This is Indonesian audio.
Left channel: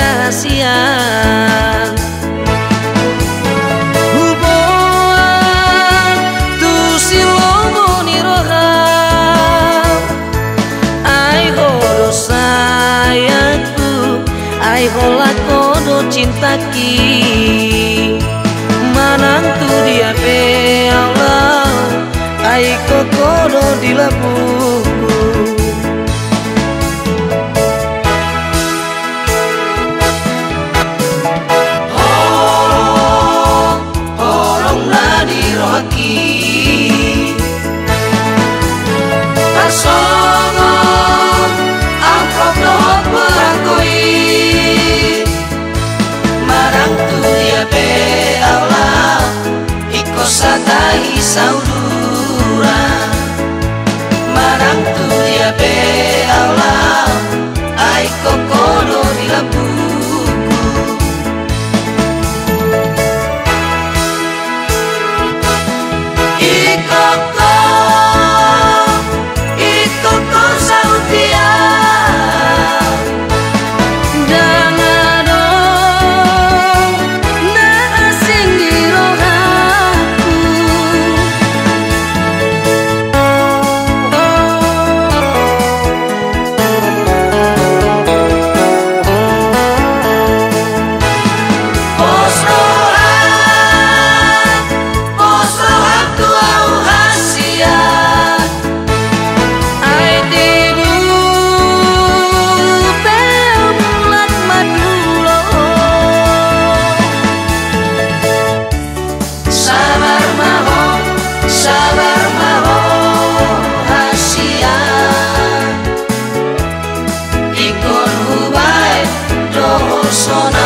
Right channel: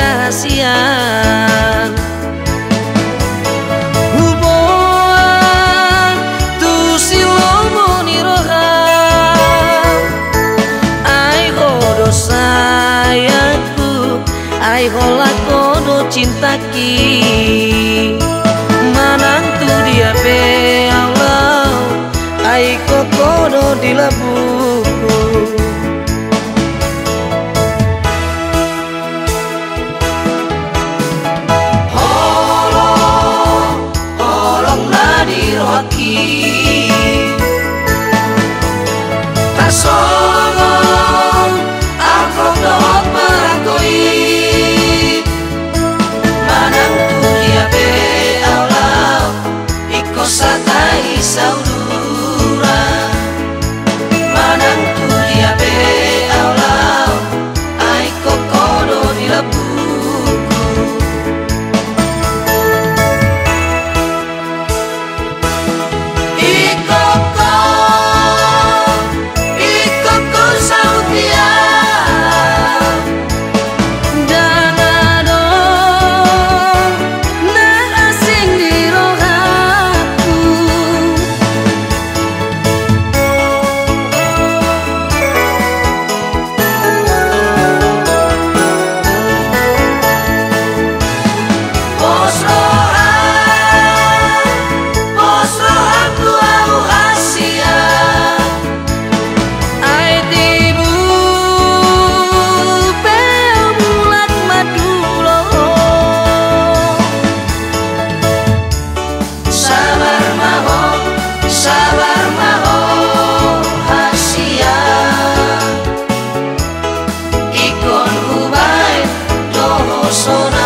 dahasian hubungan tu silomo ni roham ai hodo sayatku ai hola kodo cintaki manang tu dia pe Allah ai kokodo di labuku holong nadi roki kasongon akok dot berakoi manang tu dia pe Allah iko satai saudura manang tu dia pe Allah ai kokodo di labuku ikoko sautia dana dong na asing di rohaku pos rohan tu au hasia ai tibu peu mulat madulo sabar maho hasia ikon hubai doho sona